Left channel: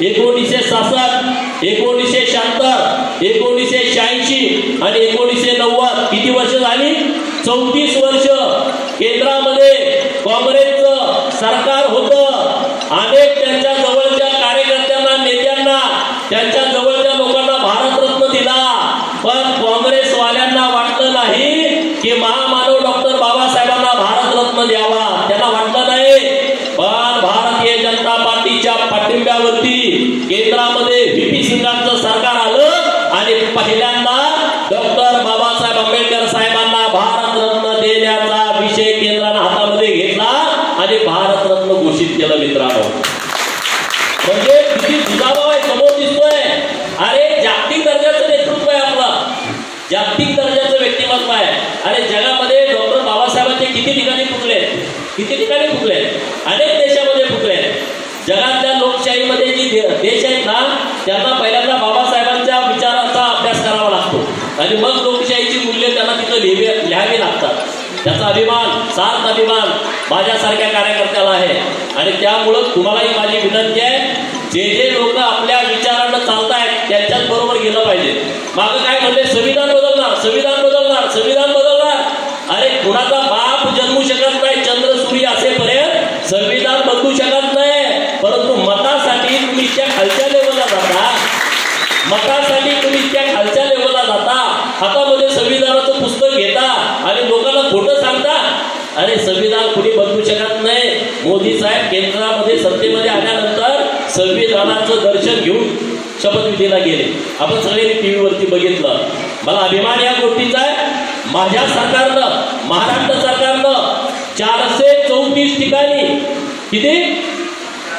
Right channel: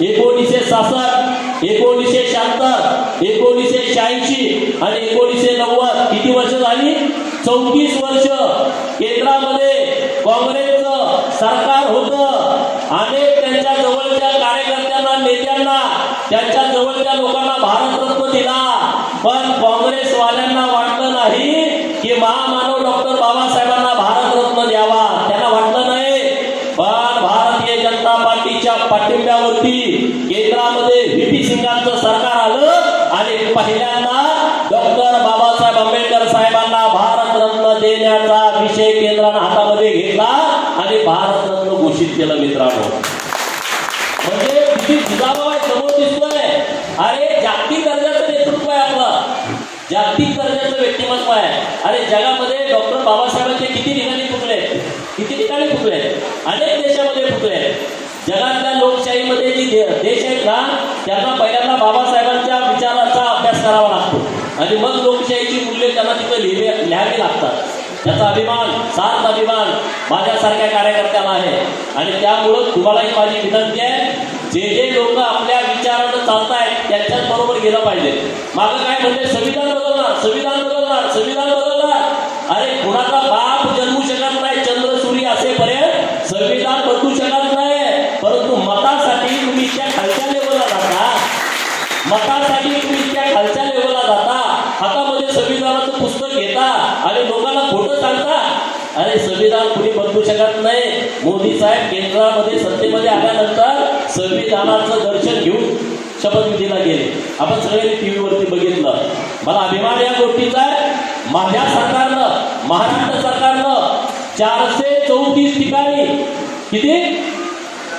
1966, 1976, 1986 आणि 1990 किती वर्ष झाली? 34 वर्ष केंद्रामध्ये काँग्रेसचं सरकार होतं. अनेक त्यांच्या जवळच्या कार्यकर्त्यांना, नेत्यांना, त्यांच्या जवळच्या लोकांना भारतरत्न दिला. पण काँग्रेसवाल्यांना वाटलं नाही की महामानव डॉक्टर बाबासाहेबांना भारतरत्न द्यावा. त्यांना वाटलं नाही. पण भारतीय जनता पार्टीच्या पाठिंब्यावरती केंद्रामध्ये व्हीपी सिंगांचं सरकार आलं आणि पहिल्यांदा डॉक्टर बाबासाहेब आंबेडकर साहेबांना भारतरत्न देण्याचा विषय केंद्रानं हातामध्ये घेतला आणि भारतरत्न घोषित केलं. मित्रांनो, म्हणजे किती दुजाभाव आहे समोर दिसतोय. अरे जागतिक दर्जाचं नेतृत्व आहे आपलं, जागतिक दर्जाचं व्यक्तिमत्व आहे. अरे जगामध्ये डॉक्टर बाबासाहेबांचे किती ठिकाणी फुटले, किती ठिकाणी फुटले, अनेक देशामध्ये फुटले. जगातल्या लोकशाहीमध्ये जी देश आहेत ना, त्यांना पहिल्यांदा बाबासाहेबांच्या विचाराचा अभ्यास करावा लागतो आणि मग लोकशाहीची मूल्य त्यांना तिथं लिहावी लागतात. त्याचा अभिमान, सार्थ अभिमान माझ्यासारख्या कार्यकर्त्याला आहे. आणि त्यामुळं तुम्हालाही माझी विनंती आहे, जे जे लोक आपल्या विचारानं चालतायत त्यांच्याच बरोबर गेलं पाहिजे. मागं काय म्हणले, संविधान बदलणार, संविधान बदलणार, संविधान बदलणार. अरे कुणाचा बाप जन्मू शकत नाही चंद्र सूर्य असेपर्यंत संविधान बदलू शकत नाही. परंतु मतासाठी तुम्ही त्या खालच्या लेवलला जाता, मतासाठी तुम्ही त्या खालच्या लेवलला जाता, हातामध्ये संविधानाचं पुस्तक घेता आणि लोकांना खोटं सांगता. अरे संविधान कुणी बदलू शकत नाही. मोदी साहेब केंद्रामध्ये सत्तेमध्ये आल्यानंतर संविधानाचं दर्शन घेऊन शपथविधीला गेले. आपण सगळ्यांनी टीव्हीवरती बघितलं. मला अभिमान या गोष्टीचा आहे. माझ्या सरकारनं, महाराष्ट्र सरकारनं 434 ठिकाणी, किती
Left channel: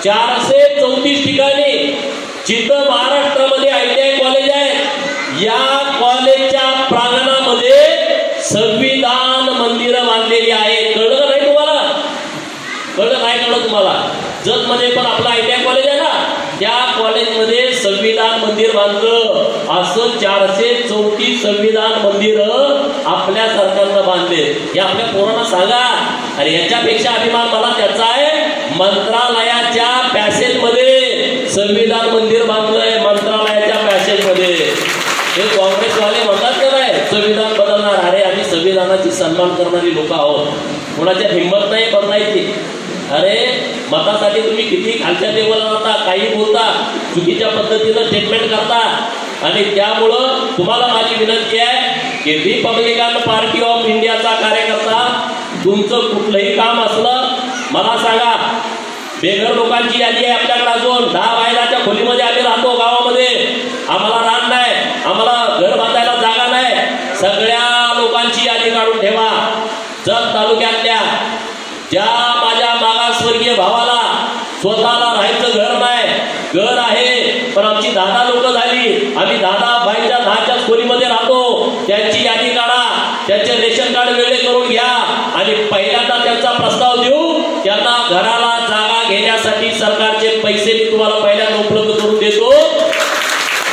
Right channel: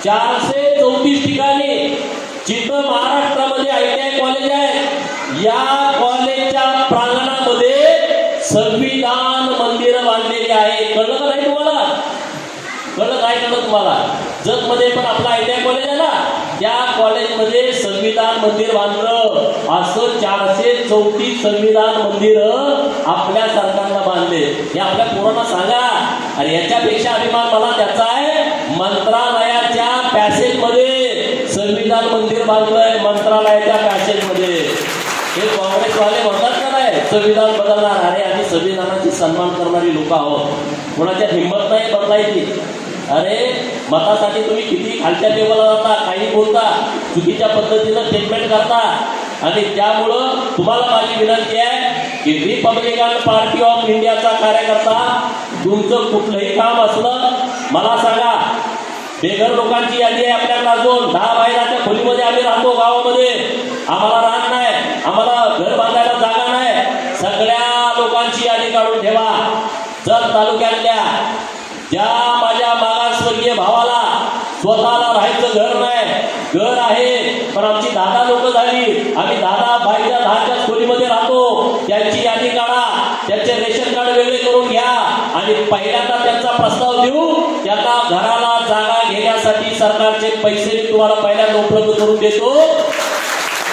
434 ठिकाणी जिथं महाराष्ट्रामध्ये ITI कॉलेज आहे, या कॉलेजच्या प्रांगणामध्ये संविधान मंदिरं बांधलेली आहे. कळलं का नाही तुम्हाला? कळलं नाही? कळलं तुम्हाला? जगमध्ये पण आपलं ITI कॉलेज आहे ना, त्या कॉलेजमध्ये संविधान मंदिर बांधलं. असं 434 संविधान मंदिर आपल्या सरकारनं बांधले. हे आपल्या पोरांना सांगा. अरे याच्यापेक्षा अभिमान मला त्याचा आहे, मंत्रालयाच्या पॅसेजमध्ये संविधान मंदिर बांधलंय. मंत्रालयाच्या पॅसेजमध्ये हे काँग्रेसवाले म्हणतात का नाही संविधान बदलणार. अरे आम्ही संविधानाची सन्मान करणारी लोक आहोत, कोणाच्या हिंमत नाही बदलायची. अरे मतासाठी तुम्ही किती खालच्या लेवलला जाता, काही बोलता, चुकीच्या पद्धतीनं स्टेटमेंट करता. आणि त्यामुळं तुम्हाला माझी विनंती आहे की रिपब्लिकन पार्टी ऑफ इंडियाचा कार्यकर्ता, तुमचं कुठलंही काम असलं मला सांगा. बेघर लोकांची यादी आहे आपल्याकडे अजून 10 बायलाच्या खोलीमध्ये आम्ही राहतो गावामध्ये. आम्हाला रान नाही, आम्हाला घर बांधायला जागा नाही. सगळ्या लोकांची यादी काढून ठेवा. जत तालुक्यातल्या ज्या माझ्या मागासवर्गीय भावाला स्वतःला राहायचं घर नाही, घर आहे पण आमची 10 लोक झाली, आम्ही 10 बायच्या 10च्या खोलीमध्ये राहतो, त्यांची यादी काढा. त्यांचे रेशन कार्ड वेगळे करून घ्या आणि पहिल्यांदा त्यांचा प्रस्ताव देऊ. त्यांना घराला जागा घेण्यासाठी सरकारचे पैसे मी तुम्हाला पहिल्यांदा उपलब्ध करून देतो.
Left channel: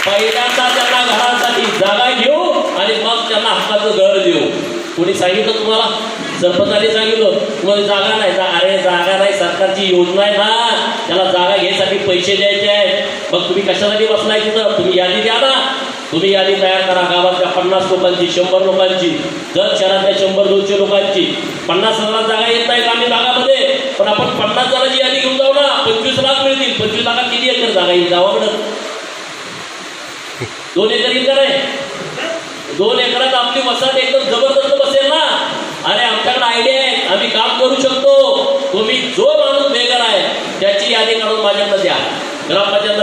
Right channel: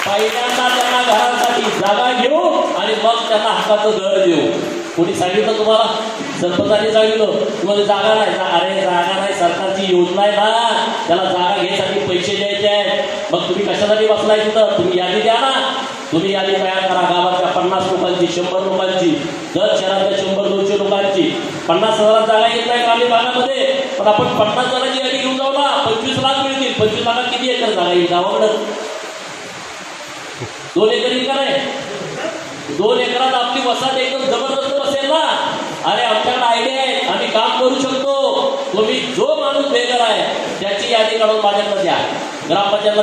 पहिल्यांदा त्यांना घरासाठी जागा घेऊ आणि मग त्यांना हक्काचं घर देऊ. कोणी सांगितलं तुम्हाला? सरपंचांनी सांगितलं तुम्हाला जागा नाही. अरे जागा नाही, सरकारची योजना आहे ना, त्याला जागा घ्यायसाठी पैसे द्यायचे आहेत. मग तुम्ही कशासाठी बसलाय तिथं? तुम्ही यादी द्या ना. तुम्ही यादी तयार करा गावातल्या 50 लोकांची, 100 लोकांची, जत शहरातल्या 100-200 लोकांची. 50,000 जागा येत नाही ग्रामीण भागामध्ये, पण आपण 50 जणांची यादी घेऊन जाऊ ना. 25 लाख मिळतील. 25 लाखात किती एकर जागा येईल गावाकडं? 2 एकर येईल का नाही? 2 एकरात आपली वसाहत एकदम जबरदस्त बसेल ना. अरे आमच्याकडे आयडिया आहे, आम्ही काम करू शकतो. तुम्ही जो माणूस बेघर आहे त्याची यादी काढून माझ्याकडे द्या. ग्रामपंचायत